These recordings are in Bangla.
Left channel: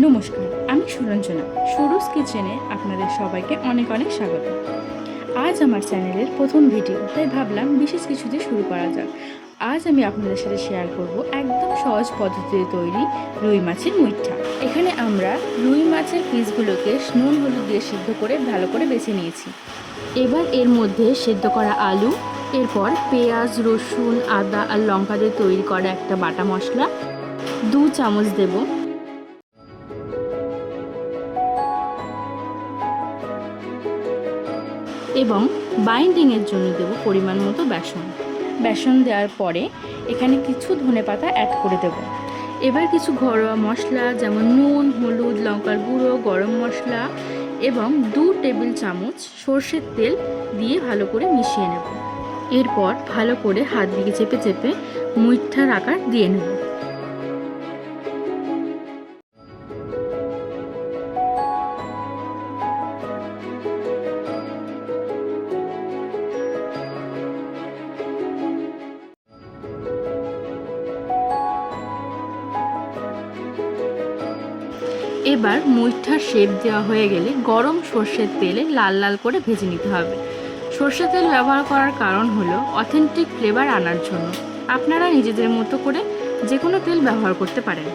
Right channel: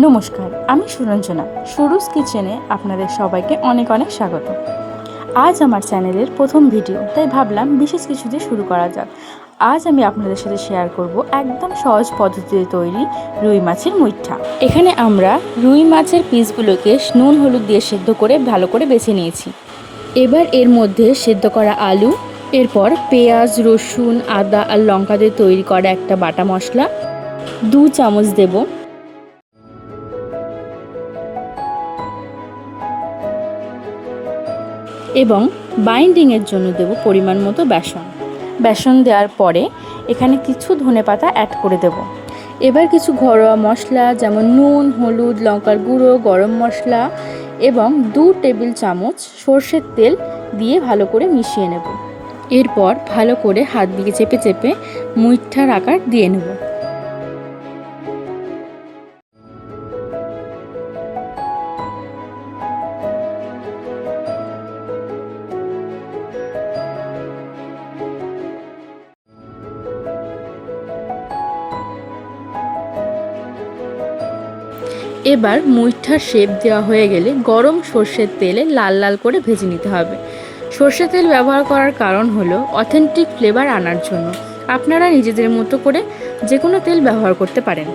নমস্কার, আমি সুরঞ্জনা। সুরুজ কিচেনে আপনাদের সবাইকে অনেক অনেক স্বাগত। আজ আমার চ্যানেলের প্রথম ভিডিও, তাই ভাবলাম বিশেষ কিছু দিয়ে শুরু করা যাক। আজ আমি আপনাদের সাথে শেয়ার করব একদম সহজ পদ্ধতিতে তৈরি রুই মাছের মুইঠা। এখানে আমরা রুই মাছের পিসগুলোকে নুন হলুদ দিয়ে সেদ্ধ করে ভালো করে বেছে নিয়েছি। এবার এর মধ্যে সেদ্ধ করা আলু, এরপর পেঁয়াজ, রসুন, আদা আর লঙ্কা দিয়ে তৈরি করা একটা বাটা মশলা 2 চামচ দেব। এবং বাইন্ডিংয়ের জন্য দেব পরিমাণ মতো বেসন দেওয়ার পরে এখানে কিছু ধনেপাতা অ্যাড করে দেব। এবার কিছু ঘরোয়া মশলা যেমন নুন, হলুদ, লঙ্কার গুঁড়ো, গরম মশলা এবং 2 টেবিল চামচ সর্ষের তেল দিয়ে ভালো করে মিশিয়ে নেব। এরপর ভালো করে হাত দিয়ে চেপে চেপে মুইঠার আকার দিয়ে নেব। এবার মুইঠার শেপ দেওয়া হয়ে গেলে গরম সর্ষের তেলে লাল লাল করে ভেজে নিতে হবে। সর্ষের তেল ব্যবহার করার কারণ হলো অথেন্টিক ফ্লেভার আনার জন্য। আপনারা নিজেদের মতো করে যে কোনো তেল ব্যবহার করতে পারেন।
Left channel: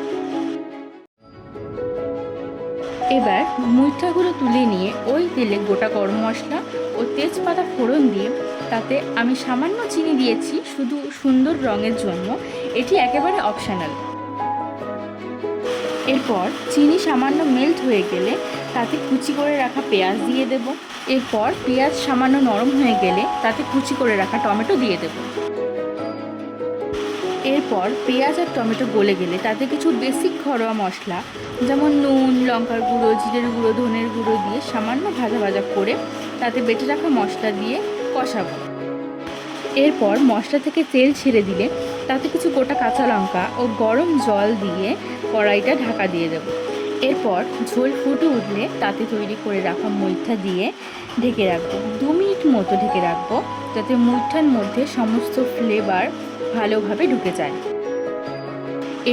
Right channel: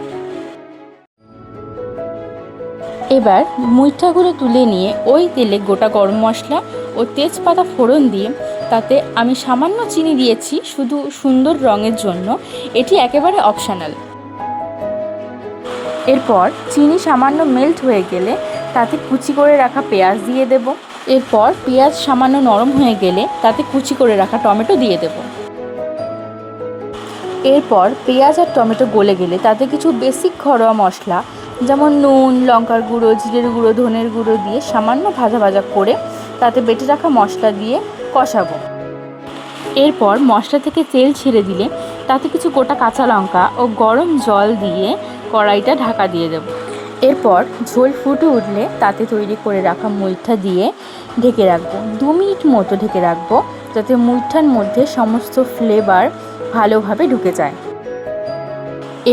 এবার মুইঠাগুলো তুলে নিয়ে ওই তেলে গোটা গরম মশলা ও তেজপাতা ফোড়ন দিয়ে তাতে আমি সামান্য চিনি দিয়েছি শুধু সুন্দর রঙের জন্য, এটি একেবারে অপশনাল। এরপর চিনি সামান্য মেল্ট হয়ে গেলে তাতে কুচি করে রাখা পেঁয়াজ দিয়ে দেব। এরপর পেঁয়াজ সামান্য নরম হয়ে গেলে তাতে কুচি করে রাখা টমেটো দিয়ে দেব। এরপর পেঁয়াজ আর টমেটো গলে গেলে তাতে কিছু বেসিক ঘরোয়া মশলা যেমন নুন, লঙ্কার গুঁড়ো, জিরের গুঁড়ো, ধনের গুঁড়ো দিয়ে সামান্য ভাজা ভাজা করে তাতে বেটে রাখা মশলা দিয়ে কষাবো। এরপর মশলা থেকে তেল ছেড়ে দিলে তাতে কিছু গোটা কাঁচা লঙ্কা ও গরম জল দিয়ে কড়াইটা ঢাকা দিয়ে দেব। এরপর ঝোল ফুটে উঠলে তাতে তৈরি করে রাখা মুইঠা দিয়ে ঢেকে রাখবো। 2 মিনিট মতো ঢেকে রাখবো যাতে মুইঠার মধ্যে সমস্ত ফ্লেভার ভালোভাবে ঢুকে যায়।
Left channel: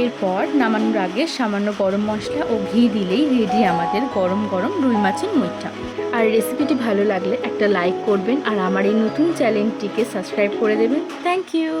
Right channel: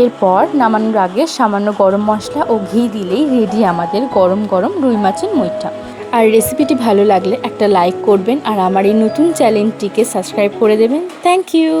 এরপর নামানোর আগে সামান্য গরম মশলা ও ঘি দিলেই রেডি আমাদের গরম গরম রুই মাছের মুইঠা। আর রেসিপিটি ভালো লাগলে একটা লাইক করবেন আর আমার এই নতুন চ্যানেলটিকে সাবস্ক্রাইব করে দেবেন। Thank you.